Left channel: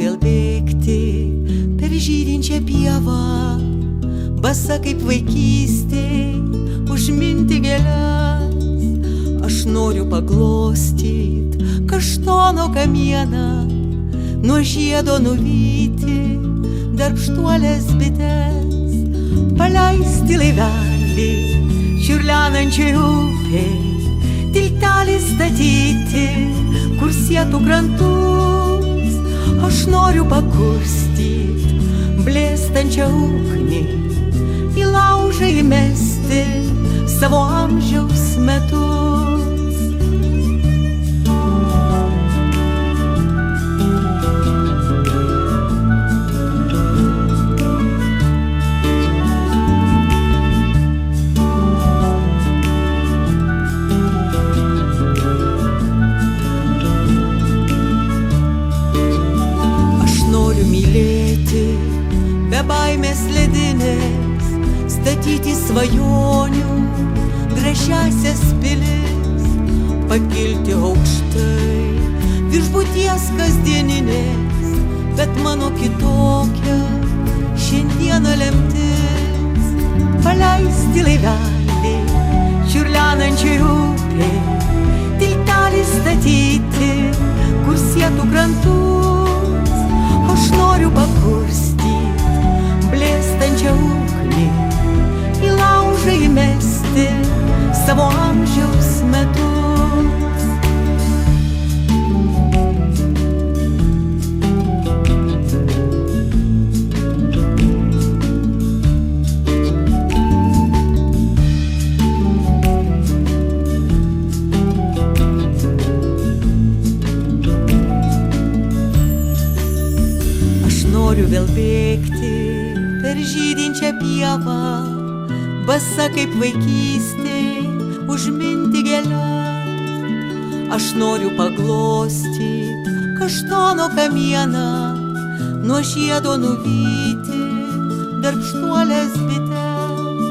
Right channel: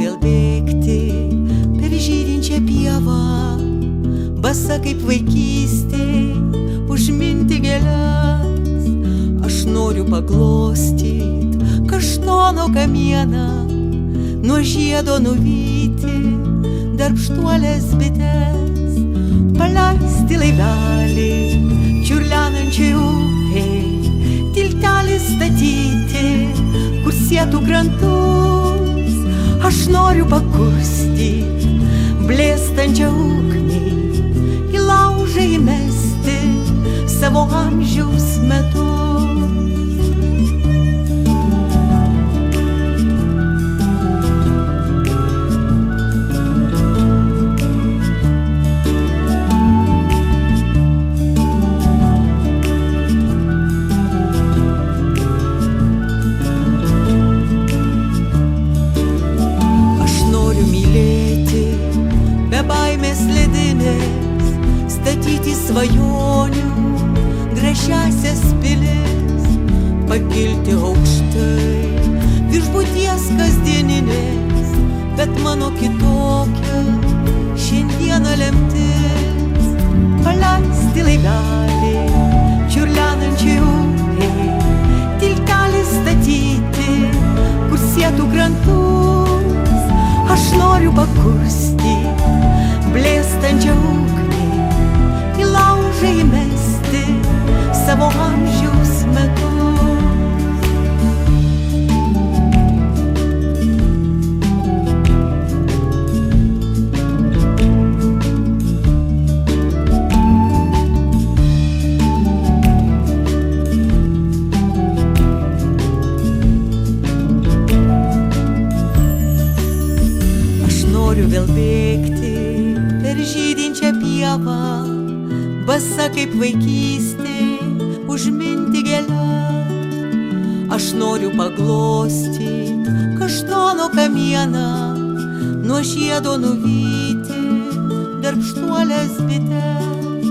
vėl bėgti per žydinčią pievą, basa kaip vaikystėj, užminti gėles. Aš noriu paglostyt kaštono kamieną, nuo žiedo nuvyti darbštuolės bites, paleisti laivelį čiurlenančiai upei, tiltelį statyti, kur sietų krantus. Aš noriu pakurstyt blėstančią ugnį, į laužą įmesti savo amžiaus metus. Mylėti be baimės ledinės, statyti svajonių gražiasias pilis, pakilti aukštai virš būties kasdieninės, bet mano kitokia šiandieną lemtis. Paleisti laivelį čiurlenančiai upei, tiltelį statyti, kur sietų krantus. Aš noriu pakurstyt blėstančią ugnį, į laužą įmesti savo amžiaus metus. Noriu vėl bėgti per žydinčią pievą, basa kaip vaikystėj, užminti gėles. Aš noriu paglostyt kaštono kamieną, nuo žiedo nuvyti darbštuolės bites.